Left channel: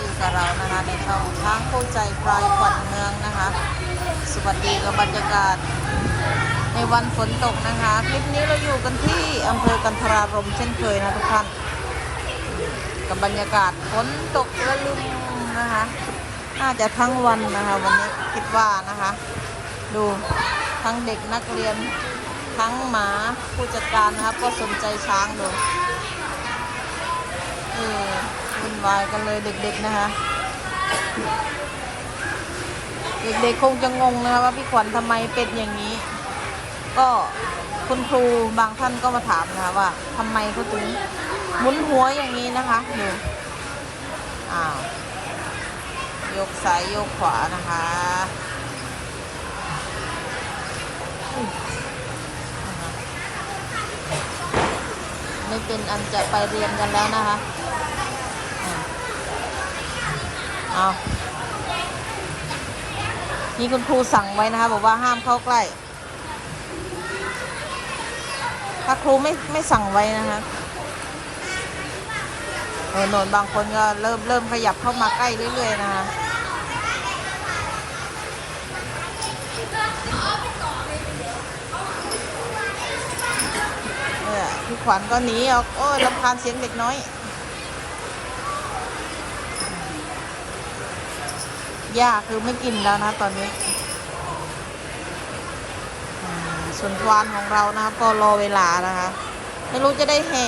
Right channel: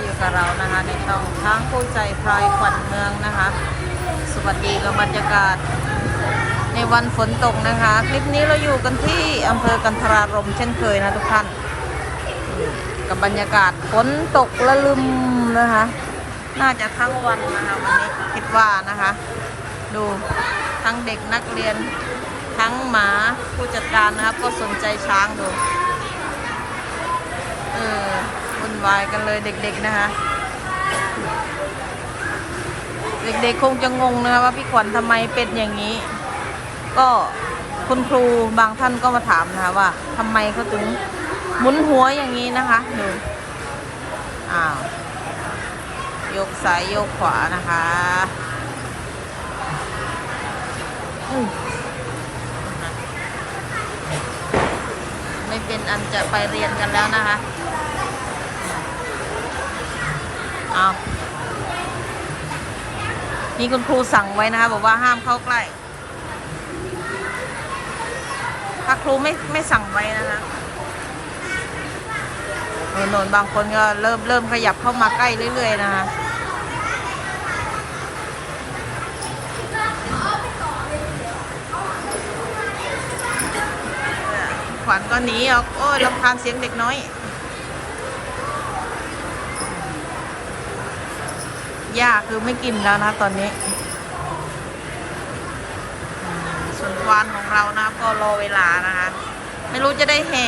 อยู่กับเรานะคะในช่องช้างคู่ใจพลายขวัญเมืองนะคะ สวัสดีกับบรรยากาศ ในวันฝนตกนะคะ คลิปนี้เราอยู่กันที่อำเภอกันทรารมเช่นเคยนะทุกท่านกับบรรยากาศฝนตกละลึมนะคะ น่าจะทั้งวันนะคะวันนี้คิดว่านะคะ ดูทั้งเด็กนักเรียนทั้งหมาผู้จัดการนะครับก็สนใจช้างดูเออ วุ่นวายกันเลยเด็กๆนะคะ เด็กๆคงจะงงนะคะว่าพี่ขวัญทำไมเป็นอย่างนี้ ก็คุณครูบางท่านก็มาถามนะคะว่าทำไมเขาถึงหมุนหัวอย่างนี้นะคะดูอ้าวยกซ้ายยกขวานะคะไม่เป็นอันจะไปเรียนกันแล้วนะคะ เอานี่คุณครูสั่งไว้นะคะ บอกว่าห้ามเข้าใกล้ ถ้าครูไม่ไม่สั่งไว้นะคะเออโนนบางคนก็เริ่มเริ่มขยับเข้ามาใกล้เรื่อย ๆ นะคะพี่ขวัญก็หนีออกโอ้ยรำคาญเสียงเด็กน้อย ย่าคือไม่กินแล้วนะตอนนี้ส่วนควานของเรานะก็รอเวลานะคะ ไม่รู้จะได้แห่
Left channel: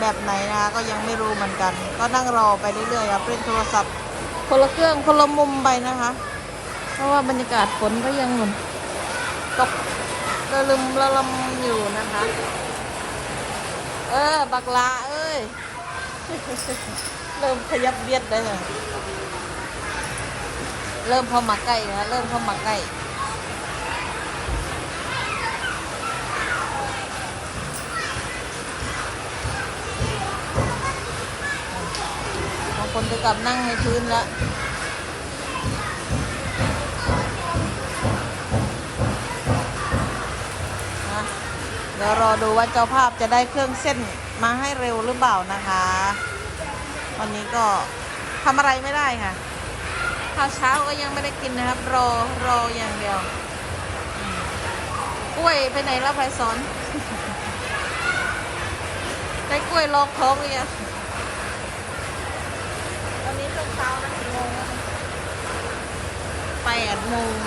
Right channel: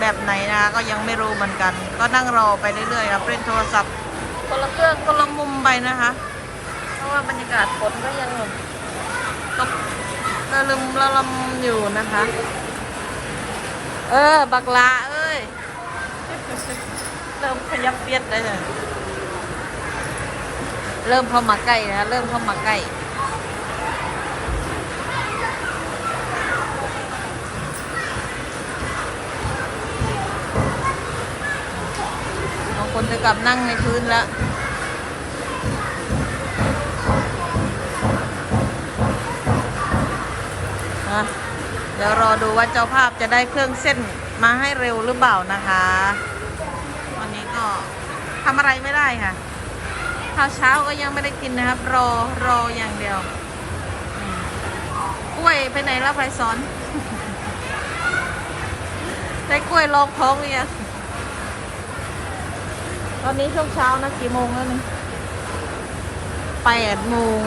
แบบไหนนะคะก็ยังไม่รู้เหมือนกัน ก็นั่งรอไปเรื่อยๆครับเล่นโทรศัพท์คนละเครื่องคนละมุมไปนะคะ เพราะว่าบรรยากาศฝนก็ยังตกระลึมระลมอยู่นะคะ เออ บักลาเอ้ย เริ่มขยับเบียดได้เลย เริ่มเข้ามาใกล้นะเริ่มเข้ามาใกล้บางคนจะกลับนั่งในพื้นแล้วเดี๋ยวรอดูว่าเจ้าภาพจะได้เครื่องเส้นมาให้เร็วหรือเปล่านะคะ วันนี้ก็ทำอะไรไม่ได้ค่ะ ข้าวเช้าก็ยังไม่ได้กินนะครับ รอรออย่างเดียวอืมกล้วยไปไหนแล้วไฟสอน ได้กล้วยลองท้องหรือยังตอนนี้ช่วงเช้านะกี่โมงนั่นแปดโมง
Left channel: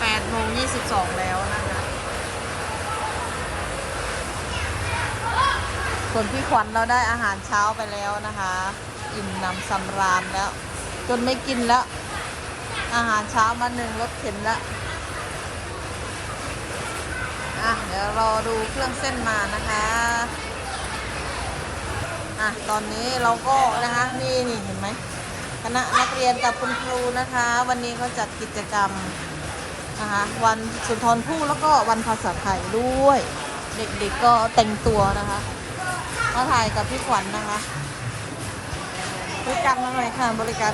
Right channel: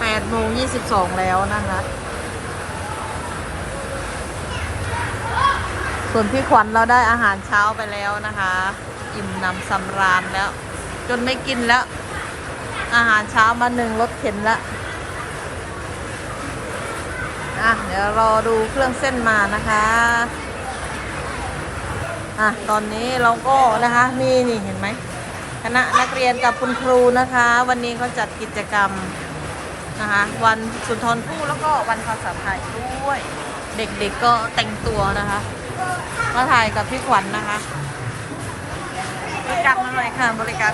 แปดโมงยี่สิบสองแล้วนะครับ ส่วนพี่ขวัญเราได้อาหารเช้าไปแล้วนะคะ อิ่มหนำสำราญแล้ว จนไม่กินแล้ว อาหารเช้ามาหนึ่งรถเข็นแล้วอะเดี๋ยวรอดูเครื่องเส้นมานะคะอะตอนนี้เราก็นะคะนี่นี่เห็นไหมคณะนักเรียนกับคุณครูนะคะ วันนี้เขาจัดกิจกรรมนะคะวันสุนทรภู่แล้วก็วันภาษาไทยด้วย เด็กๆก็แต่งตัวนะคะมาถ่ายกับพี่ขวัญนะคะ บริการมาหน่อยค่ะ บริการ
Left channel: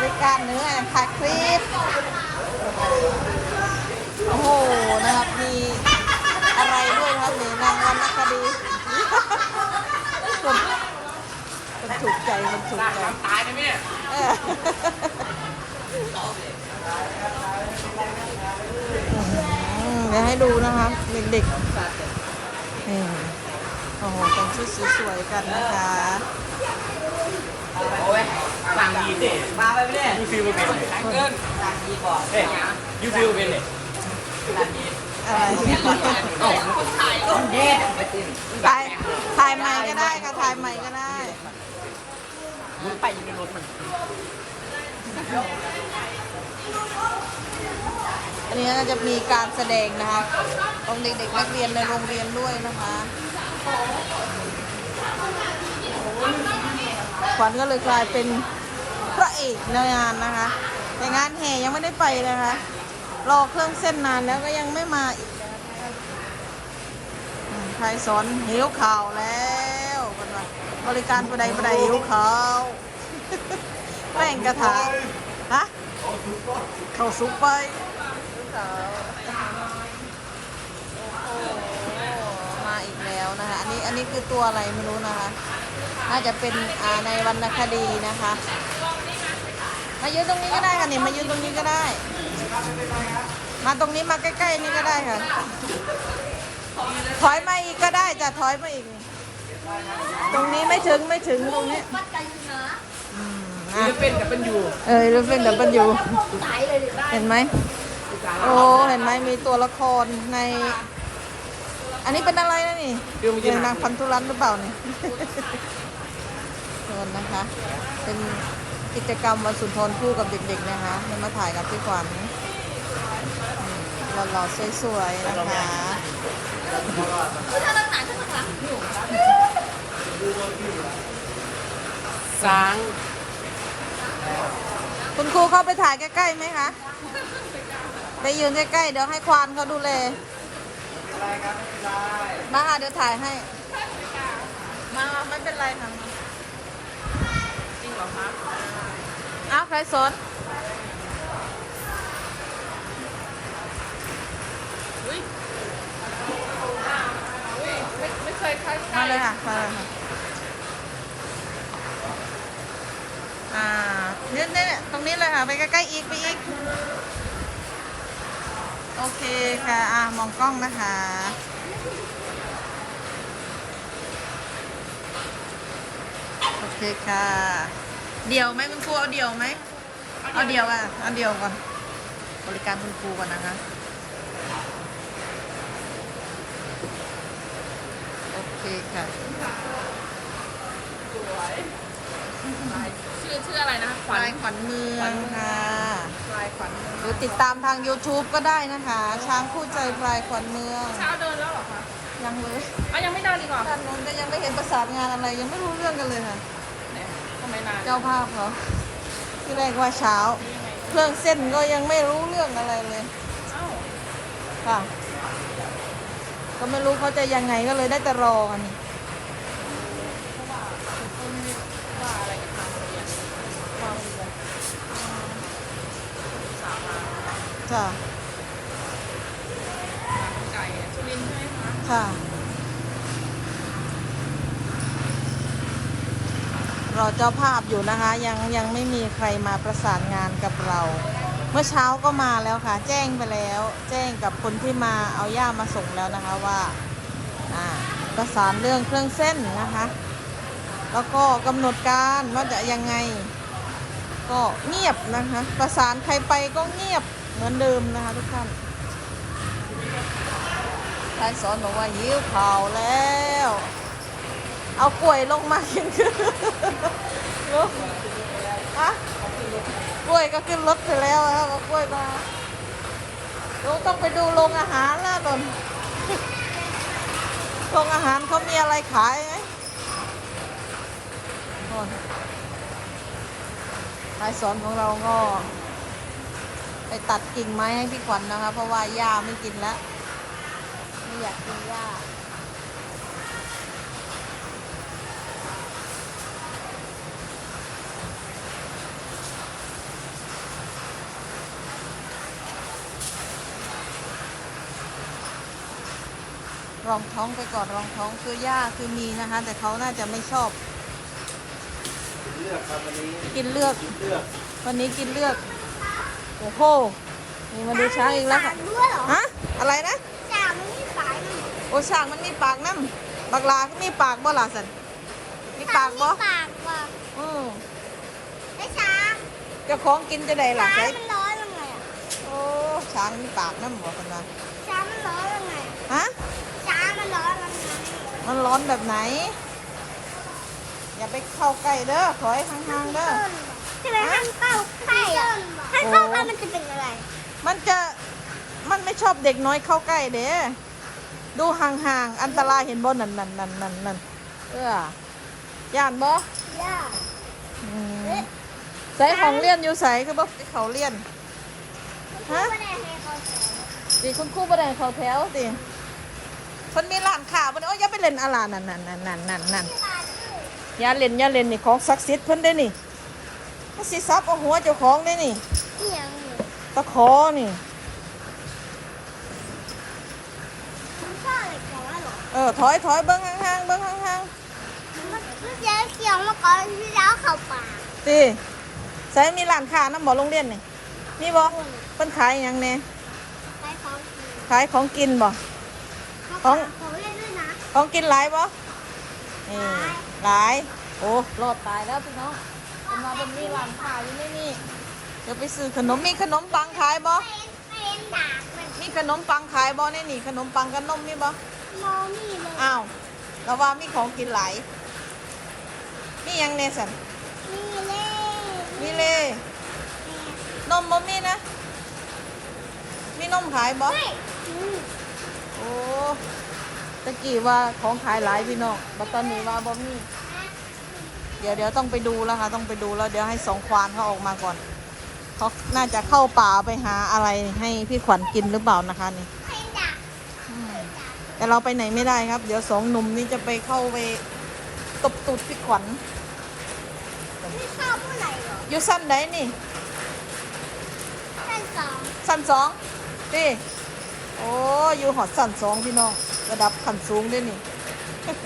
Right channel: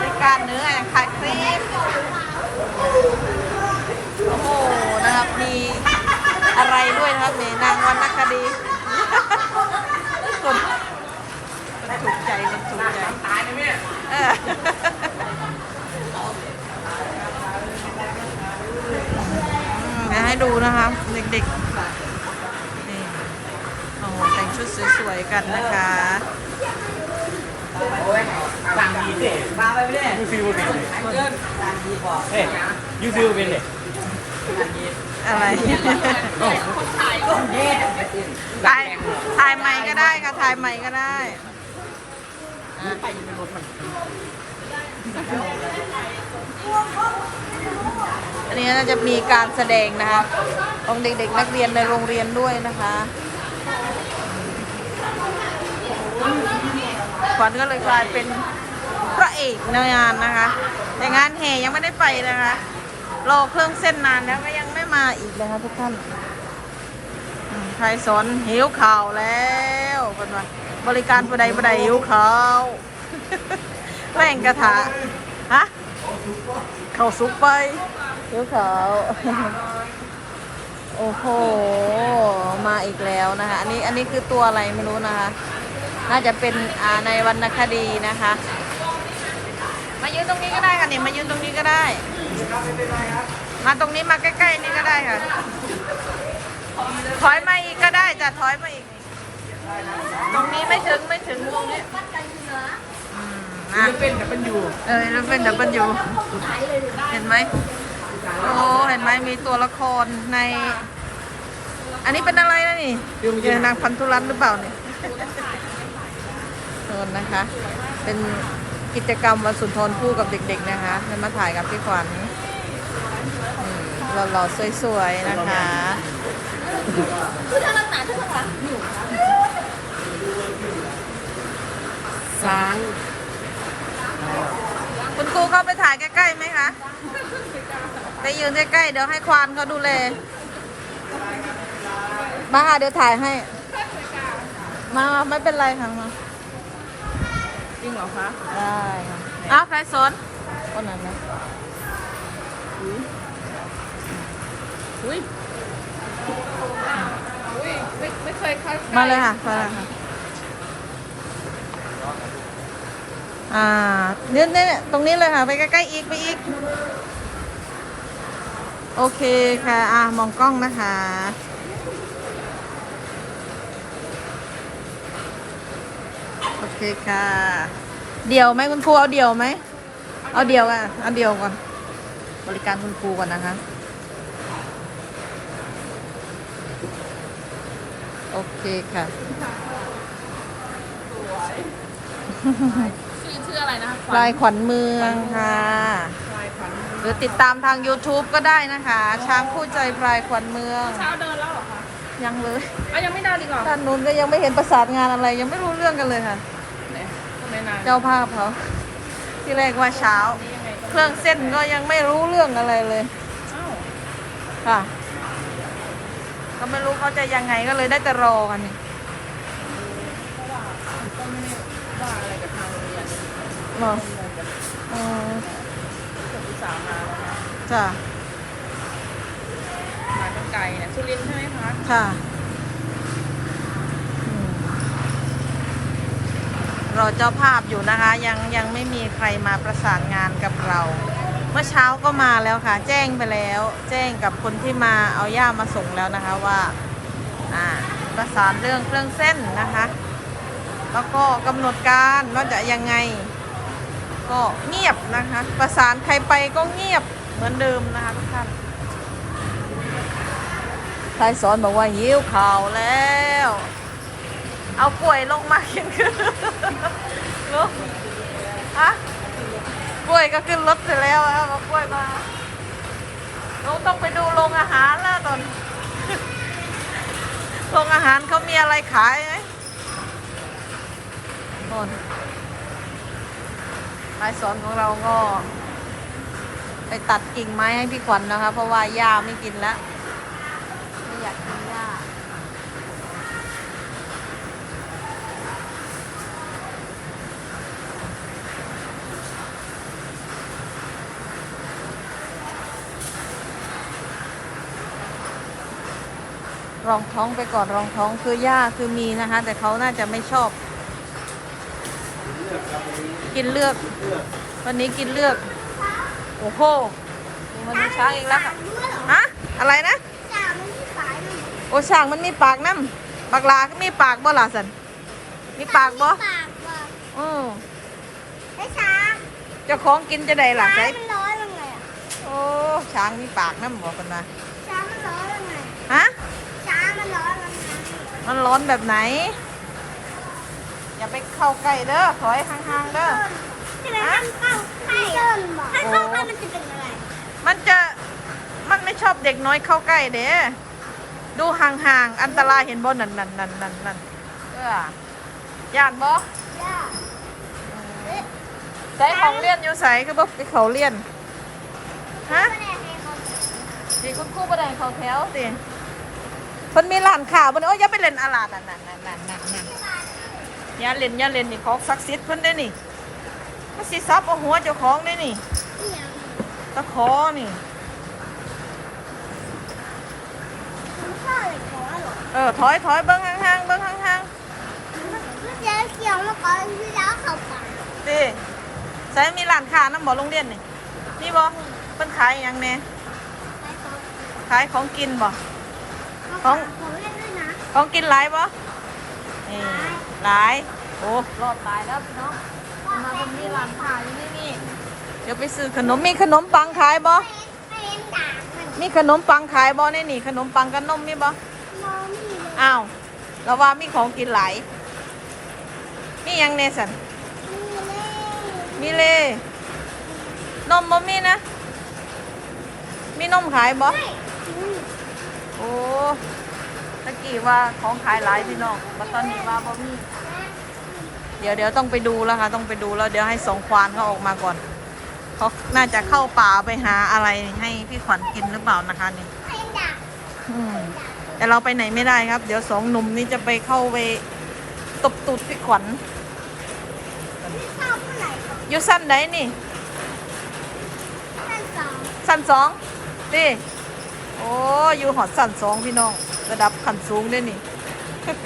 บริการเนื้ออย่างขาครีมโอ้โห นะครับ มีอะไรด้วยนะครับนี่นางวรรณคดีคนคนถูกใจคนถูกใจตายนะแม่เอออืมเดี๋ยวให้ดูนะคะเด็กๆ โอ้โหแต่งชุดสวยๆกันนะคะโอ้ยสั่งดีสิมาไปไม่ได้ยูซื้อมาเป็นเลยเกินสั่งดีบอกเฮ้ยยูซื้อมาเป็นเลยอะไรคนถ่ายก็เด็ดถ่ายถ่ายใหม่ก็ได้ค่ะถ่ายใหม่ก็ได้ไปอยู่ในรถมันอันนี้น่าจะมีการแสดงนะคะของเด็กๆนักเรียนในโรงเรียนด้วยนะคะ ขวัญก็เลยกลายเป็นพระเอกในงานนะคะ แต่งานแห่ยังไม่ได้ไปนะคะรอเครื่องเส้นนานแล้วก็ยังไม่มาอีกนะคะทุกท่านใครสอนหิวข่าวแล้วเป็นว่าบริการประใดประใดหิวข่าวแป้งกระทะฮะเขาซุกไปหิวข่าว อ้โห มาอีกแล้วนะคะ อันนี้อันนี้คือตัวอะไรไม่รู้นะคะ น่าจะเป็นอ่าในวรรณคดีนะคะ มายืนตรงนี้ก็ได้ค่ะนี่มายืนตรงนี้ก็ได้ มาตรงนี้มาใกล้ๆนี่ก็ได้ค่ะ ถอยมาอีกก็ได้จะถอยมาอีก ตรงนี้ไม่ถึงไม่ถึงตรงนี้วัดใจคุณเหรออะจะเป็นแต่เป็นอยู่ เออแล้วเป็นดับเบิลยูสายเลยดิเห็นไหม โอ้เห็นไหมมีตัวละครใน อันนี้เป็นอะไรนะนี่เป็นนางพันธุรัตน์หรือเปล่านี่เชิญนะคะ เป็นกิจกรรมวันสุนทรภู่กับเด็ก ๆ นะคะนำมาถ่ายกับพี่ขวัญอืมหล่อๆสวยๆนะคะคือถ้าเราสายทุกคนละหนูสางคุณครูเข้าไปถ่ายใกล้ๆไหมคะ ไปยืนใกล้ๆเดี๋ยวให้ควานเขาดูแลมาค่ะเดี๋ยวถ่ายให้ มาไม่เป็นไรค่ะมาได้อ้าวใครสนคนไหนนะมาเลยค่ะมาเลยค่ะอ่าเนี่ยเนี่ยตรงนี้เลยค่ะ ไปใกล้ๆอีกไปอีก โอเคค่ะ อ่ามองกล้องนะคะ โอเคค่ะ เดี่ยวไหมคุณครูเอาเดี่ยวไหม เอาเดี่ยวอะ เอาเดี่ยวก่อน บริการคุณครูก่อนนะคะ โอเคค่ะ ชื่อชื่ออะไรนะคะลายขวัญเมืองค่ะหรือติดตามทาง YouTube ก็ได้นะคะ ช้างคู่ใจพลายขวัญเมือง เช้าเดินแล้วเหรอคะยังเลยอะยังไม่เดินอีกเหรอด้านนู้นก็ยังไม่เห็นประสานงานอะไร ยังไม่รู้เรื่องกันเลยค่ะ ไม่นานเจ้าภาพเขาที่แรกว่าเช้า เครื่องเส้นก็ยังไม่รู้เรื่องอะไรเลยค่ะ ก็ไม่รู้เขาจะยังไงก็เลยได้แต่รอกันนี่ อ๋อจ้ะไก่เนี่ยสุรินใช่ไหมคะค่ะ รอเจ้าภาพอยู่นะคะ ยังยังไม่มีใครมาประสานงานกับเรา เมื่อเช้าก็มาแล้วค่ะ แจ้งไปแล้ว แจ้งกับคนที่มาเอาย่ามาส่งแล้วนะคะว่าอ่าประสานเรื่องเครื่องเส้นนะคะ แล้วก็กำหนดการว่าจะยังไง ก็เงียบนะคะ ประสานใครไปก็เงียบเหมือนเดิมนะคะทุกท่านชายสอนบอกว่าหิวข่าวแล้ว เอากล้วยลงมากินคือลูกอะกล้วยก็ขึ้นรถไปแล้วแล้วเอากล้วยมาลูกต้องไปดูโรงอาหารแล้วตอนโรงอาหารเขามีอะไรขายไหมโน่ นายสอนของเราก็ ไปตัดกิ่งไม้ให้พี่ขวัญนะคะ เพราะว่าย่าไม่กินแล้ว ไม่อยากกินหญ้ารองท้องไปก่อนรองท้องคือหญ้าคือมีนะคะ แต่เขาน่าจะไม่ชอบ เลือกครับวันนี้กินเลือก เลือกวันนี้กินเลือก โอ้โหนี่มาดูช้างอีกแล้วค่ะด้วยเหรอฮะอะไรนะ จ่ามันมีสายมันโอ้ช้างมันมีปากน้ำบักลาก็มีปากบ่ล่ะสันมีปากบ่ปากว่ะอือไอ้ช้างเจ้าของกินจะได้ล่ะช้าใช่งมันร้อนยังไงอะโอ้ช้างมีปากน้ำบอกคนมาช้างมันร้อนยังไงฮะช้างมันร้อนยังไงมันร้อนแบบไหน อย่าไปเข้าใกล้เด้อถอยห่างๆเด้อใช่ไหมมันเข้าใกล้ต้นบอกถ้าเข้าใกล้มันจะเป็นอะไรมันจะมันไม่ชอบเด็กน้อยเข้าใกล้เด้ดูห่างๆ อันตรายเห็นบ่นั่นนั่นนั่นนั่นนั่นเออย่านบ่ย่าอืมใส่ของเลี่ยนอยู่ใส่คือบ่ไปเขาเลี่ยน ฮะไม่ได้ให้เขาสิคุณครูบ่ได้เขาแถวสิเพิ่นมีร้านค้าบ่ได้โอ้ยอย่าไปเล่นอะไรนั่นนั่นนั่นนั่นนั่นนั่นอ ย่าเล่นอย่าเล่นนี่ของศักดิ์สิทธิ์เพิ่นได้นี่มันสิซับเอาหัวเจ้าของได้นี่เอียงตะขอนี่มันฆ่าอะไรก่อนเหรอเออถอยถอยเบิ้งห่างๆเบิ้งห่างเมื่อเช้าเขียวมาก่อนที่แล้วเขาป่าๆสิใช้มีร้านค้าน้ำบ่โรงเรียนนี่มีบ่เพิ่นขายหยังเนี่ยไปเขาขายของกินบ่เขาป่าเขาเล่นด้วยนะของกินหลายบ่ เออหลายโอ้รอบตายแล้วพี่น้องมาตรงนี้ร้านค้าอยู่นี่นี่เดี๋ยวไปซื้อขนมมีขนมปังขายบ่เป็นเป็นด่างมันมีขนมปังขายบ่ในนี่ ขนมปังกับนมมีบ่มองนี่เลยอ้าวเราว่ามีของกินหลายนี่ยังเนสันนี่เลยมีเลยนมบ่มีนะ มีนมขายบ่เฮ้ยอืมโอ้ ตะกี้ว่าของขายหลายพี่น้องบัดตอนนี้ว่าบ่มีเดี๋ยวเดี๋ยวต้องไปดูแล้วค่ะ ต้องไปดูแล้วเดี๋ยวให้สองควานเขาออกมาก่อน เขาน่าจะเข้าป่าไปหาอะไรให้พี่ขวัญกินหรือเปล่านะคะนี่แต่เราไปไหนไม่ได้ครับ เดี๋ยวสองหนุ่มนี่จะไปเข้าไปตบตูดพี่ขวัญอยู่สั้นไหนนี่ท่านสองสั้นสองดิโอ้อยู่หอดสั้นสองพี่น้อง ระดับขันสูงด้วยนี่ท่าน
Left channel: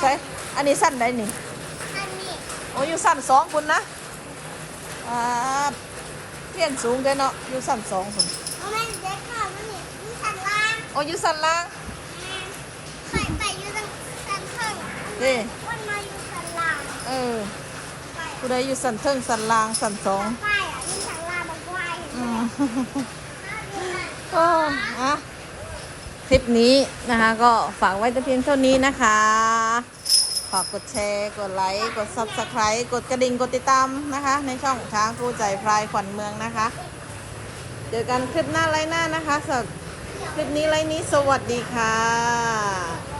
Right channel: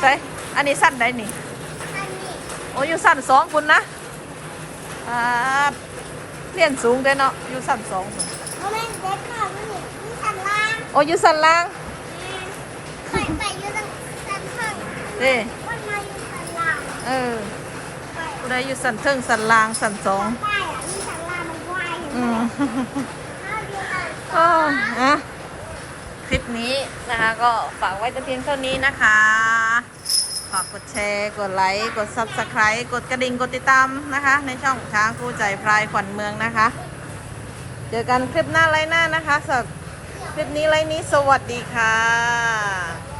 ใช่อันนี้สั้นไหนนี่ท่านนี่โอ้อยู่สั้นสองคุณนะอ่าเรียนสูงเด้อเนาะอยู่สั้นสองคุณเพราะมันเด็กมากมันนี่มีชั้นล่างโอ้อยู่สั้นล่างไปไปอยู่ตรงชั้นเพิ่งดิวันมาอยู่ชั้นล่างเออไปผู้ใดอยู่สั้นเทิงสั้นล่างสั้นสองไปอะมีชั้นล่างมันก็ไม่เห็นอืมเอาดีเลยโอ้อะ คลิปนี้นะคะก็ฝากไว้แต่เพียงเท่านี้นะคะ ฝากกดแชร์ กดไลค์ กด subscribe กดกระดิ่ง กดติดตามนะคะ ในช่องช้างคู่ใจพลายขวัญเมืองนะคะ เจอกันคลิปหน้าไลน์หน้านะคะสำหรับคลิปนี้ไลน์นี้สวัสดีค่ะ